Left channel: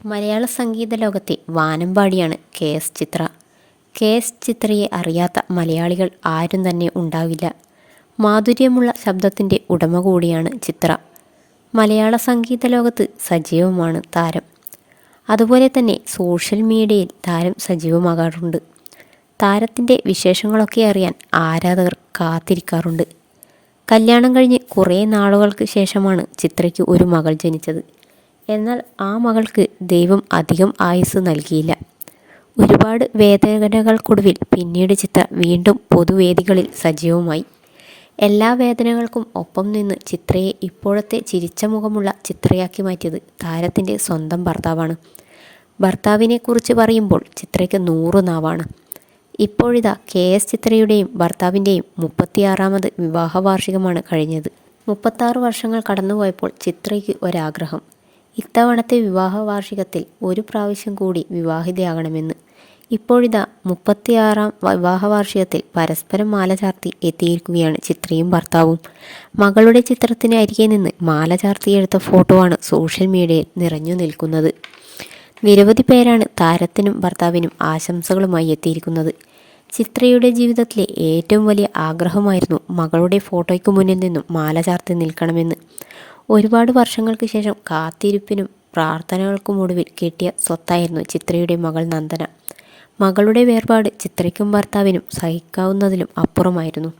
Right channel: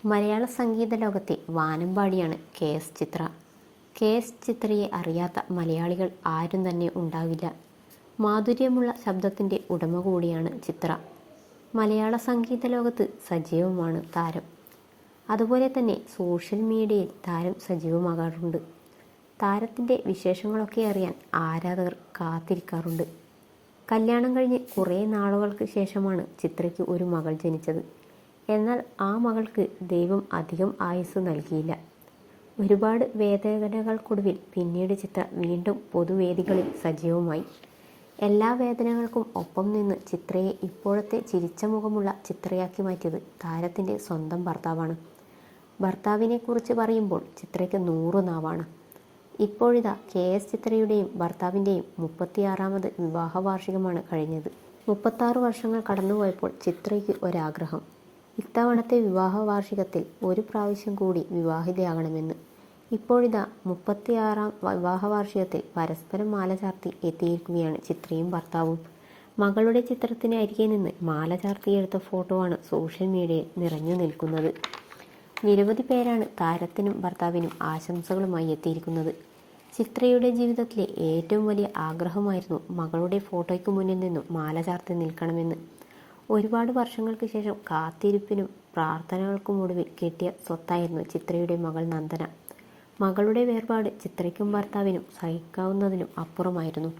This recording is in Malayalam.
മലയാള സംഗീത ലോകത്തെ വാനമ്പാടിയാണ് കെ.എസ്. ചിത്ര. കെ.എസ്. ചിത്രയെ അറിയാത്ത മലയാളികൾ ആരും തന്നെ ഉണ്ടാവില്ല. മാധുര്യമുള്ള ശബ്ദത്തിൻ്റെ ഉടമ കൂടിയാണ് ചിത്ര. മലയാള സംഗീത ലോകത്ത് സജീവമാണ് താരം. അതുപോലെ തന്നെ സോഷ്യൽ മീഡിയയിൽ താരം സജീവമാകാറുണ്ട്. താരത്തിൻ്റെ വിശേഷങ്ങളൊക്കെ അറിയാൻ ആരാധകർ കാത്തിരിക്കാറുണ്ട്. കല്യാണം കഴിഞ്ഞ് കുറേ നാളുകൾക്ക് ശേഷമാണ് ചിത്രയ്ക്ക് ഒരു മകൾ ജനിച്ചത്. എന്നാൽ ആ മകൾക്ക് ദൈവം അധികം ആയുസ് നൽകിയില്ല. ഒരുപാട് വേദനകൾക്കൊടുവിൽ പിന്നീട് ചിത്ര വീണ്ടും പൊതുവേദികളിൽ സജീവമായി. എല്ലാ വേദനകൾക്കും ഒപ്പം നിന്ന് ചിത്രയെ ഇപ്പോഴത്തെ ചിരിച്ച മുഖമുള്ള ചിത്രയാക്കി മാറ്റിയത് താരത്തിൻ്റെ സ്വന്തം ഭർത്താവാണ്. ഭർത്താവിനെക്കുറിച്ച് പറയുമ്പോൾ ചിത്രയ്ക്ക് 100 നാവാണ്. ഇപ്പോഴിതാ കെ.എസ്. ചിത്രയുടെയും ഭർത്താവിൻ്റെയും 36ാമത് വിവാഹ വാർഷികമാണ് കഴിഞ്ഞത്. 36 വർഷങ്ങൾ കടന്നുപോയപ്പോൾ ചിത്രയ്ക്ക് ഒരാഗ്രഹം. ഇത്തവണത്തെ വിവാഹ വാർഷികത്തിൽ ഒരു പ്രാവശ്യം കൂടി വിവാഹിതയാകണമെന്ന്. ഇപ്പോഴിതാ 36ാം വിവാഹ വാർഷികത്തിൽ പരസ്പരം മാല ചാർത്തി എത്തിയിരിക്കുകയാണ് ചിത്രയും ഭർത്താവും. മകളുടെ ചിത്രത്തിന് അരികെ നിന്ന് മാല ചാർത്തിയെടുത്ത ഫോട്ടോ ആണ് സോഷ്യൽ മീഡിയയിൽ നിറഞ്ഞു നിൽക്കുന്നത്. നിരവധി പേരാണ് താരത്തിനും ഭർത്താവിനും ആശംസകളുമായി എത്തിയിരിക്കുന്നത്. ചിത്രയുടെ ജീവിതത്തിലെ ഏറ്റവും വലിയ ആഗ്രഹമായിരുന്നു മകളുടെ ഫോട്ടോയ്ക്ക് മുന്നിൽ നിന്നും മാല ചാർത്തി നിൽക്കണമെന്ന്. ഒരുപാട് വർഷങ്ങൾക്ക് ശേഷം കാത്തിരിപ്പിനും പ്രാർത്ഥനകൾക്കുമൊടുവിൽ കിട്ടിയ സ്വത്തായിരുന്നു ചിത്രയുടെ മകൾ നന്ദന. മകളുടെ വേർപാട് ചിത്രയ്ക്കും ഭർത്താവിനും സഹിക്കാവുന്നതിലും അപ്പുറമായിരുന്നു.